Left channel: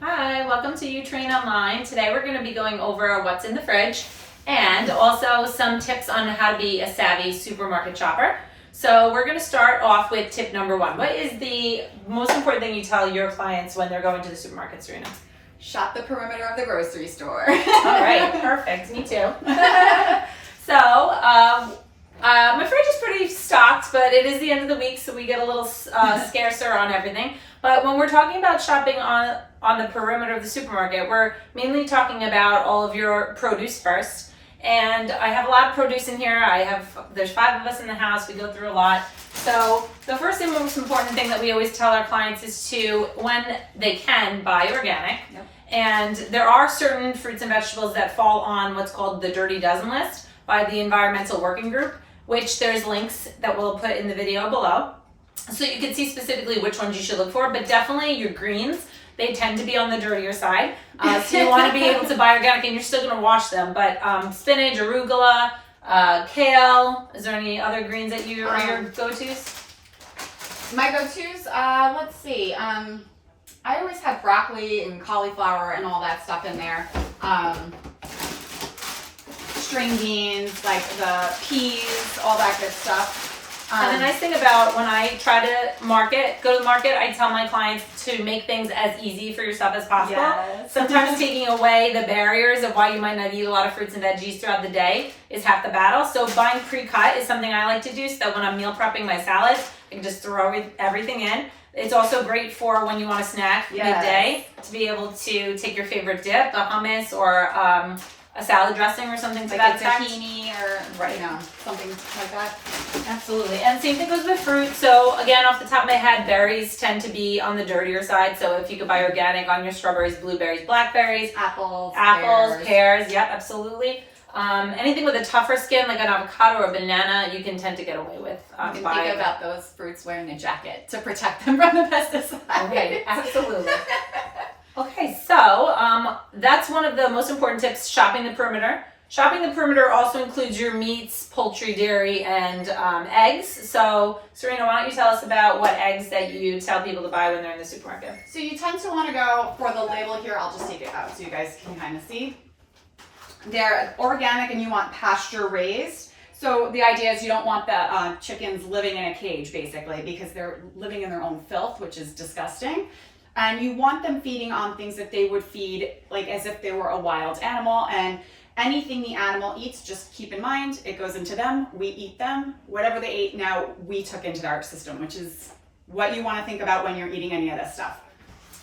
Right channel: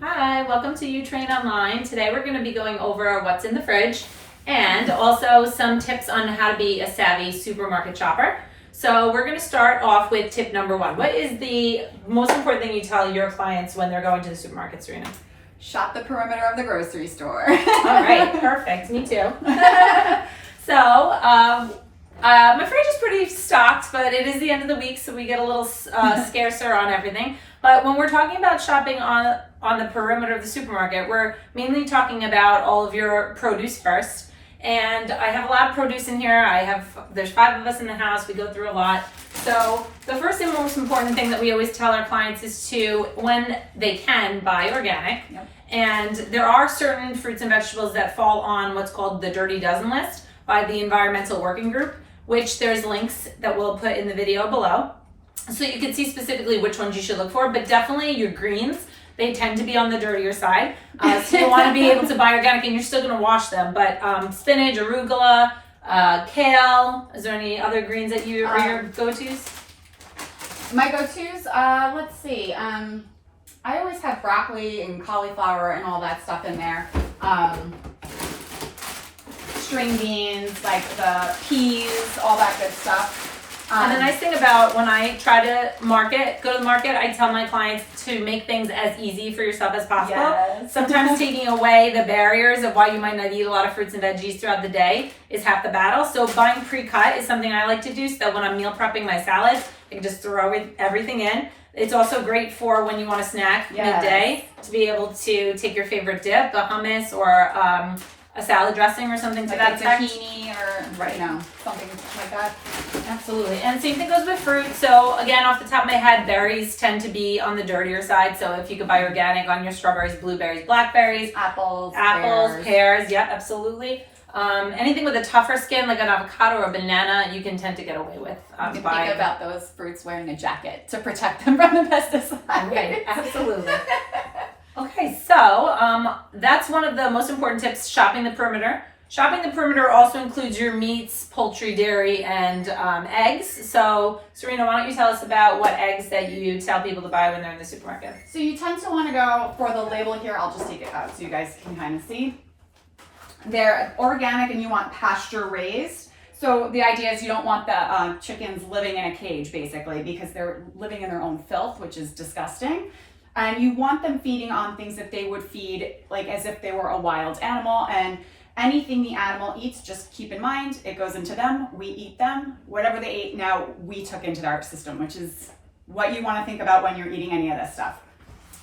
Hi, welcome to UTrain Online. Today we're going to be going over what's in the fridge and also some tips on how to be a savvy supermarket shopper. So we're going to start off with tip number one. What is the most important thing you tell your clients when they're going to the supermarket, Serena? Shop the perimeter of the grocery store. All right, perfect. Me too. My fridge is pretty stocked, but it is the end of the week, so we get a little scarcer on everything. But when we're talking about shopping on the perimeter of the supermarket, we're mainly talking about all of your produce first. And I have a lot of produce in here. There's 5 of us in the house. We go through a lot. So the first and most important thing that we always tell our clients is to, when they can, buy organic. Yep. And there are certain fruits and vegetables that fall on what's called the Dirty Dozen list by the Environmental Working Group, which there's links that we'll put in the video below. So you can see specifically which ones you should look for, but definitely your greens, they tend to be on the dirtier side. So you want to be able to buy organic, and you're still going to wash them. But spinach, arugula, kale, is there any other greens that are your go-tos? My go-tos, let's see. I always have broccoli and cauliflower and all that stuff in there. String beans, like the peas, all that good stuff. And the nice thing about when I try to go to the market, I tell my clients to make things as easy for yourself as possible. Yes. Sometimes taking away the barriers of why you might not eat a lot of fruits and veggies throughout the day is half the battle. So buying pre-cut is something I like to do, so that when I'm meal prepping my salads, I can just throw everything in. It's also great for when you want to snack midday, to be able to take your favorite dip, a hummus or a salad dressing or something to like that effect. Tahini or something like that. Absolutely. And same thing goes with fruit. So again, off the top of my head, berries tend to be on the dirtier side. So if you could buy organic on your strawberries, blueberries, blackberries, apples, pears. Yep, absolutely. Anything with a tougher skin, like an avocado or a banana, you can tend to get away with. You can think about those fruits wearing a jacket to protect them from the pesticides. Okay, absolutely. Okay, so that's one of the most important tips, shopping the perimeter. Shopping the perimeter also includes your meats, poultry, dairy, and eggs. So, Serena, why don't you tell us about what eggs that you tell people to buy when they're in the supermarket? So you tend to want to go for the label here. I'll just take it out so you guys can kind of see. They're organic and you want pasture raised. So the idea is you don't want the chickens living in a cage, basically, because they're living in their own filth, which is disgusting. And you want them feeding on things that they would feed like as if they were a wild animal. And anything the animal eats, just keep in mind, it goes into them, we eat them. Whatever they ate, now we took into our system, which is what you want to think about when you're eating any of this stuff.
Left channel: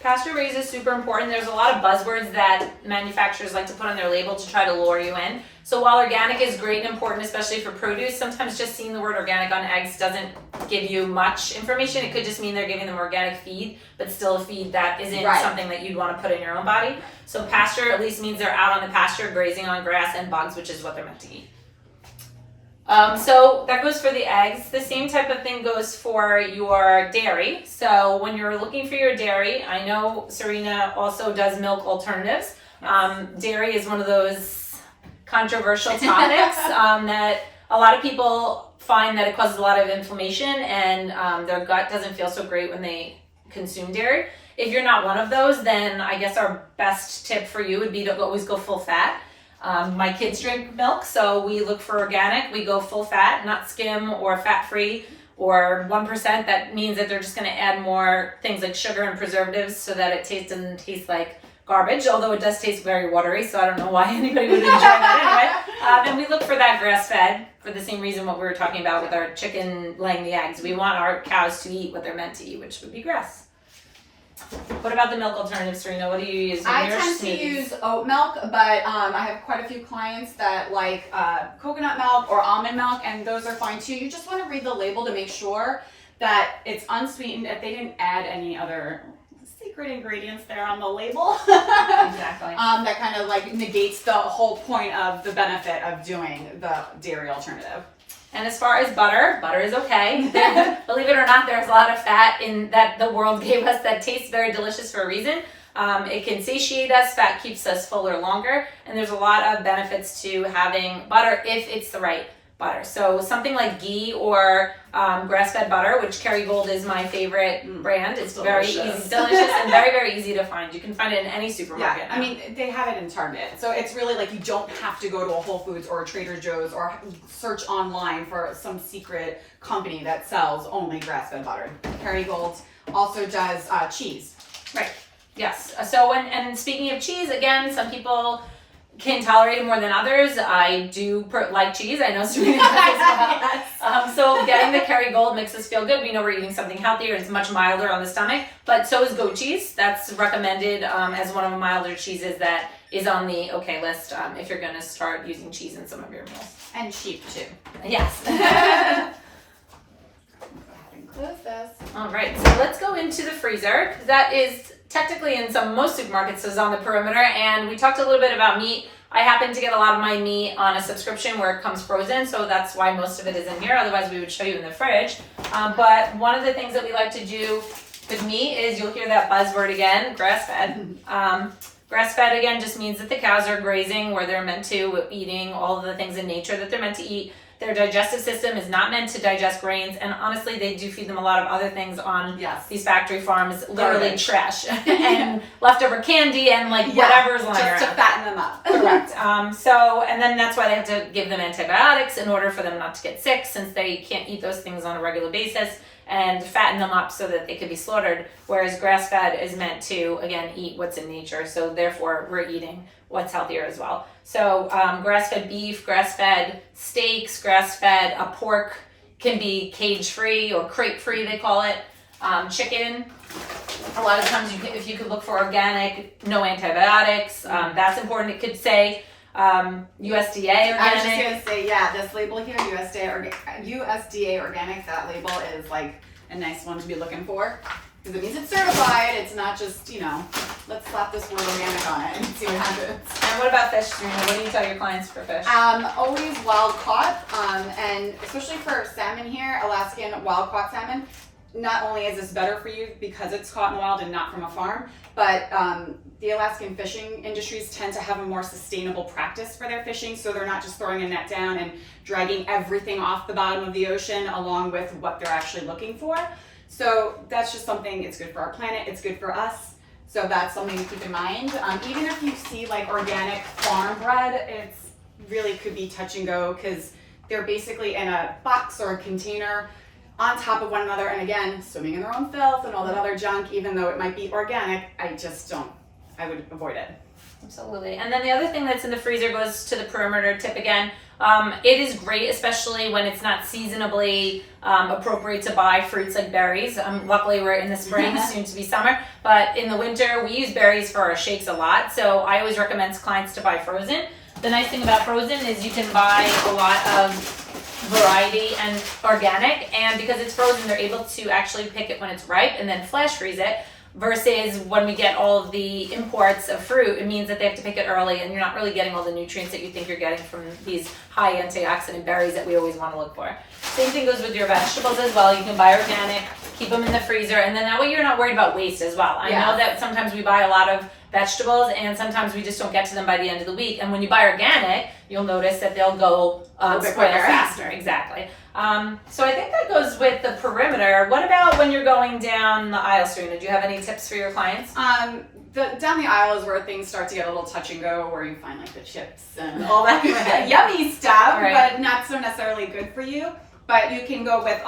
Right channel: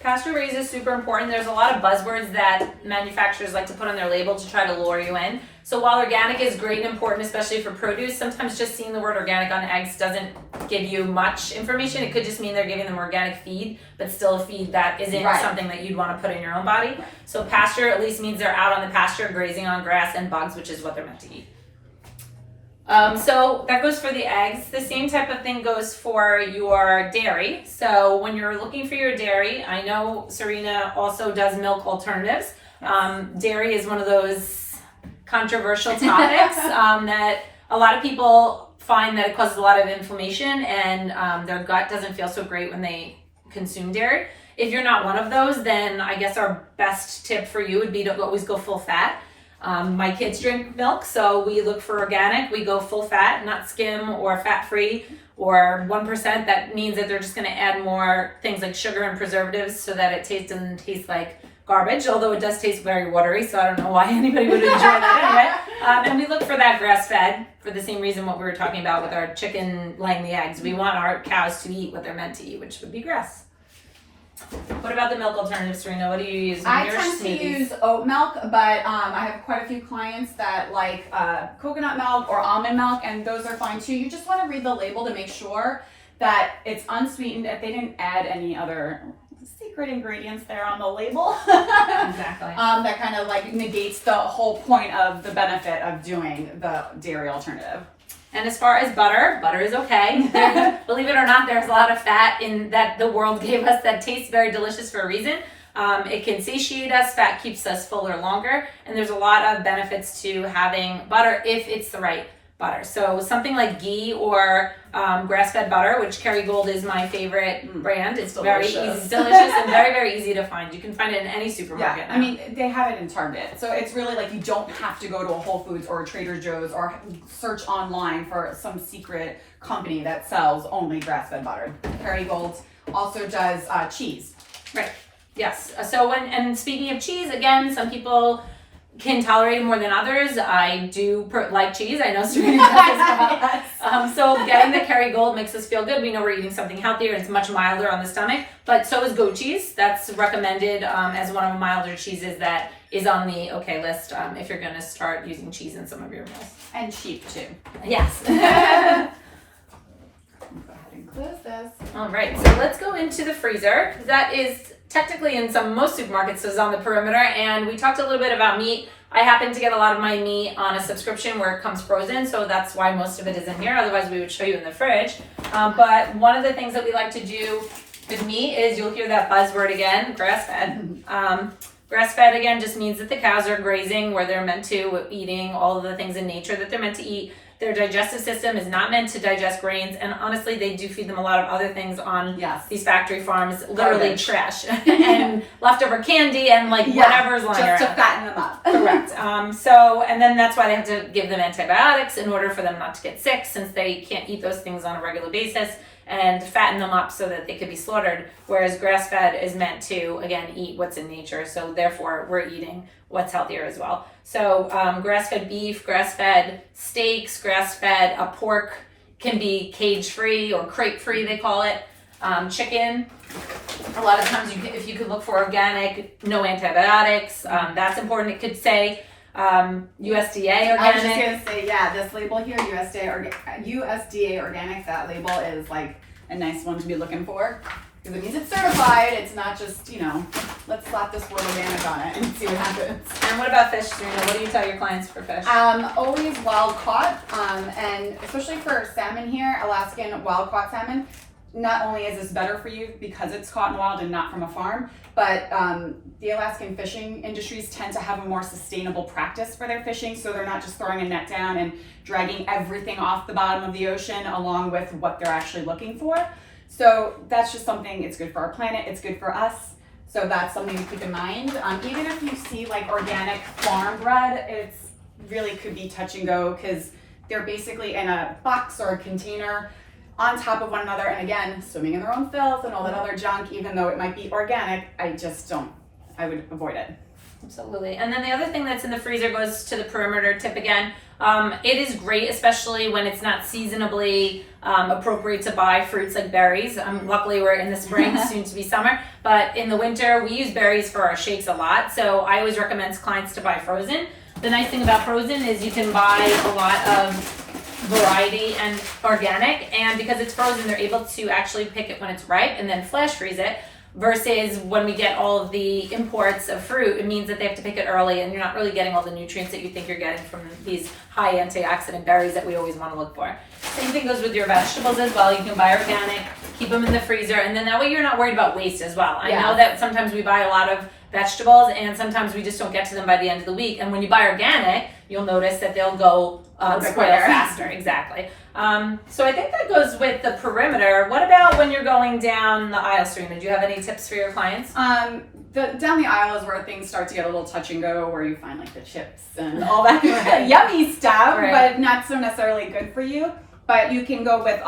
Pasture raised is super important. There's a lot of buzzwords that manufacturers like to put on their label to try to lure you in. So while organic is great and important, especially for produce, sometimes just seeing the word organic on eggs doesn't give you much information. It could just mean they're giving them organic feed, but still a feed that isn't something that you'd want to put in your own body. Right. So pasture at least means they're out on the pasture grazing on grass and bugs, which is what they're meant to eat. So that goes for the eggs. The same type of thing goes for your dairy. So when you're looking for your dairy, I know Serena also does milk alternatives. Dairy is one of those controversial topics that a lot of people find that it causes a lot of inflammation and their gut doesn't feel so great when they consume dairy. If you're not one of those, then I guess our best tip for you would be to always go full fat. My kids drink milk, so we look for organic. We go full fat, not skim or fat-free or 1%. That means that they're just going to add more things like sugar and preservatives so that it doesn't taste like garbage, although it does taste very watery, so I don't know why anybody would enjoy that anyway. And we look for that grass-fed for the same reason what we were talking about with our chicken laying the eggs. We want our cows to eat what they're meant to eat, which would be grass. What about the milk alternatives, Serena? What do you use? I tend to use oat milk, but I have quite a few clients that like coconut milk or almond milk, and those are fine too. You just want to read the label to make sure that it's unsweetened, if they didn't add any other secret ingredients there on the label. Exactly. That kind of like negates the whole point of the benefit of doing the dairy alternative. And as far as butter is okay. Believe it or not, there's a lot of fat in that the world gave us that tastes very delicious for a reason. It can satiate us, fat keeps us fuller longer, and there's a lot of benefits to having butter if it's the right butter. So something like ghee or grass-fed butter, which Kerrygold is my favorite brand. It's very easy, delicious, and very, very easy to find. You can find it in any supermarket. Yeah, I mean, they have it in Target. So it's really like you don't have to go to a Whole Foods or a Trader Joe's or search online for some secret company that sells only grass-fed butter. Kerrygold also does cheese. Right. Yes. So and speaking of cheese, again, some people can tolerate it more than others. I do like cheese. I know Serena does as well. So getting the Kerrygold makes us feel good. We know we're eating something healthier. It's much milder on the stomach. But so is goat cheese. That's recommended as one of the milder cheeses that is on the okay list if you're going to start using cheese in some of your meals. And cheap too. Yes. Close this. All right. So let's go into the freezer. That is technically in most supermarkets is on the perimeter, and we talked a little bit about meat. I happen to get a lot of my meat on a subscription where it comes frozen, so that's why most of it is in here. Otherwise, we would show you in the fridge. But one of the things that we like to do with meat is, you'll hear that buzzword again, grass-fed. Grass-fed, again, just means that the cows are grazing where they're meant to, eating all of the things in nature that they're meant to eat. Their digestive system is not meant to digest grains, and honestly, they do feed them a lot of other things on these factory farms, literally trash and leftover candy and whatever is lying around. Just to fatten them up. Correct. And then that's why they have to give them antibiotics in order for them not to get sick, since they can't eat those things on a regular basis, and fatten them up so that they could be slaughtered. Whereas grass-fed is meant to, again, eat what's in nature. So therefore, we're eating what's healthier as well. So grass-fed beef, grass-fed steaks, grass-fed pork can be cage-free or crate-free, they call it. Chicken, a lot of times if you could look for organic, no antibiotics, that's important. It could say USDA organic. I was just going to say, this label here, USDA organic, that label is like a nice one to be looking for. Because it means it's certified. It's not just, let's slap this word organic on it and see what happens. And what about fish, Serena? What do you tell your clients for fish? Always wild caught, and especially for salmon here, Alaskan wild caught salmon. Not only is this better for you because it's caught in the wild and not from a farm, but the Alaskan fishing industries tend to have a more sustainable practice for their fishing, so they're not just throwing a net down and dragging everything off the bottom of the ocean along with what they're actually looking for. So that's just something, it's good for our planet, it's good for us. So that's something to keep in mind. Even if you see organic farm bread, it's really could be touch and go because they're basically in a box or a container on top of one another, and again, swimming in their own filth and all that other junk. Even though it might be organic, I would avoid it. Absolutely. And then the other thing that's in the freezer goes to the perimeter tip again. It is great, especially when it's not seasonably appropriate to buy fruits like berries. Luckily, we're in the spring, soon to be summer. But in the winter, we use berries for our shakes a lot. So I always recommend clients to buy frozen. The nice thing about frozen is you can buy a lot of variety and organic. And because it's frozen, they're able to actually pick it when it's ripe and then flash freeze it. Versus when we get all of the imports of fruit, it means that they have to pick it early and you're not really getting all the nutrients that you think you're getting from these high antioxidant berries that we always want to look for. Same thing goes with your vegetables as well. You can buy organic, keep them in the freezer, and then that way you're not worried about waste as well. I know that sometimes we buy a lot of vegetables and sometimes we just don't get to them by the end of the week. And when you buy organic, you'll notice that they'll go spoil faster. Exactly. So I think that goes with the perimeter. What about when you're going down the aisle, Serena? Do you have any tips for your clients? Down the aisle is where things start to get a little touch and go, where you find the chips and all that yummy stuff, but not so necessarily good for you. But you can go with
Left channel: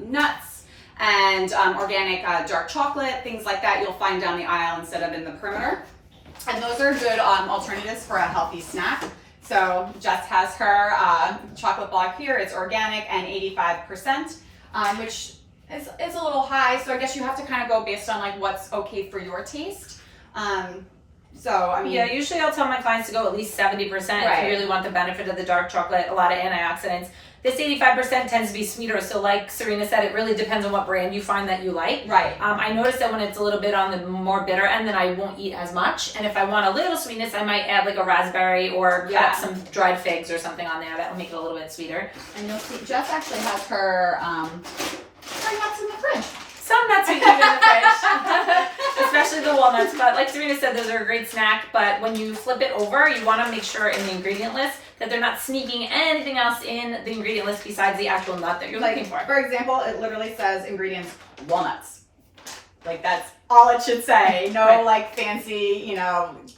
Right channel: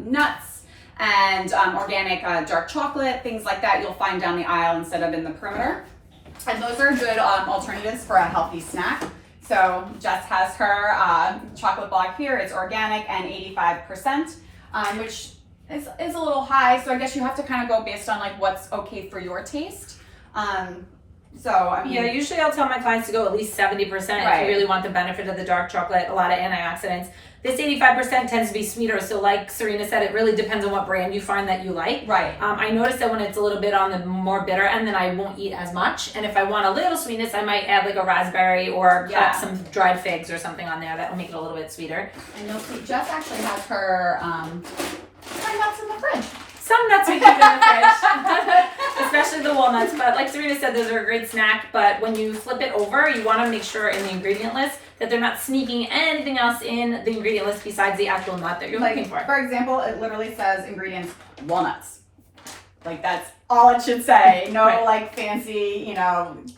nuts and organic dark chocolate, things like that you'll find down the aisle instead of in the perimeter. And those are good alternatives for a healthy snack. So Jess has her chocolate block here. It's organic and 85%, which is a little high. So I guess you have to kind of go based on what's okay for your taste. Usually I'll tell my clients to go at least 70% if you really want the benefit of the dark chocolate, a lot of antioxidants. This 85% tends to be sweeter, so like Serena said, it really depends on what brand you find that you like. I notice that when it's a little bit on the more bitter end, then I won't eat as much. And if I want a little sweetness, I might add a raspberry or cut up some dried figs or something on there that will make it a little bit sweeter. And you'll see Jess actually has her nuts in the fridge. Some nuts we keep in the fridge, especially the walnuts, but like Serena said, those are a great snack. But when you flip it over, you want to make sure in the ingredient list that they're not sneaking anything else in the ingredient list besides the actual nut that you're looking for. For example, it literally says ingredients walnuts. Like that's all it should say. No Right. like fancy,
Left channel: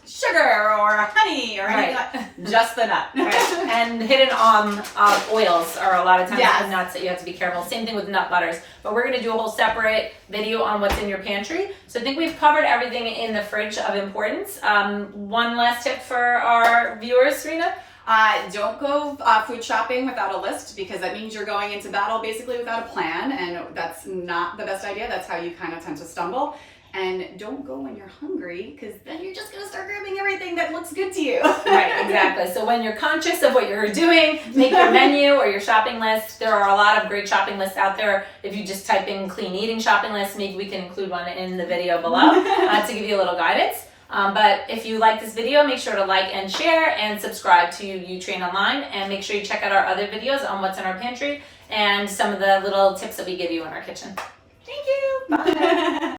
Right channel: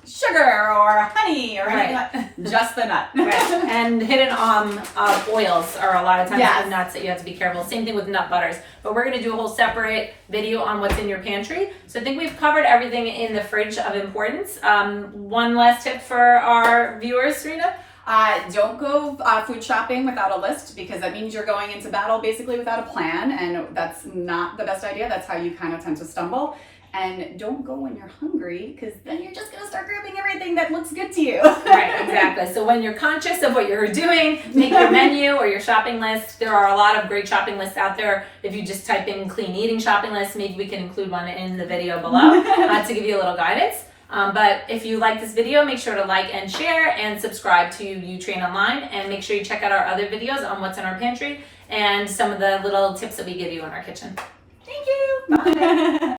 sugar or honey or anything. Just the nut. Right. And hidden oils are a lot of times Yes. in nuts that you have to be careful. Same thing with nut butters. But we're going to do a whole separate video on what's in your pantry. So I think we've covered everything in the fridge of importance. One last tip for our viewers, Serena. Don't go food shopping without a list, because that means you're going into battle basically without a plan, and that's not the best idea. That's how you kind of tend to stumble. And don't go when you're hungry, because then you're just going to start grabbing everything that looks good to you. Right, exactly. So when you're conscious of what you're doing, make your menu or your shopping list. There are a lot of great shopping lists out there. If you just type in clean eating shopping list, maybe we can include one in the video below to give you a little guidance. But if you like this video, make sure to like and share and subscribe to UTrain Online, and make sure you check out our other videos on what's in our pantry and some of the little tips that we give you in our kitchen. Thank you. Bye.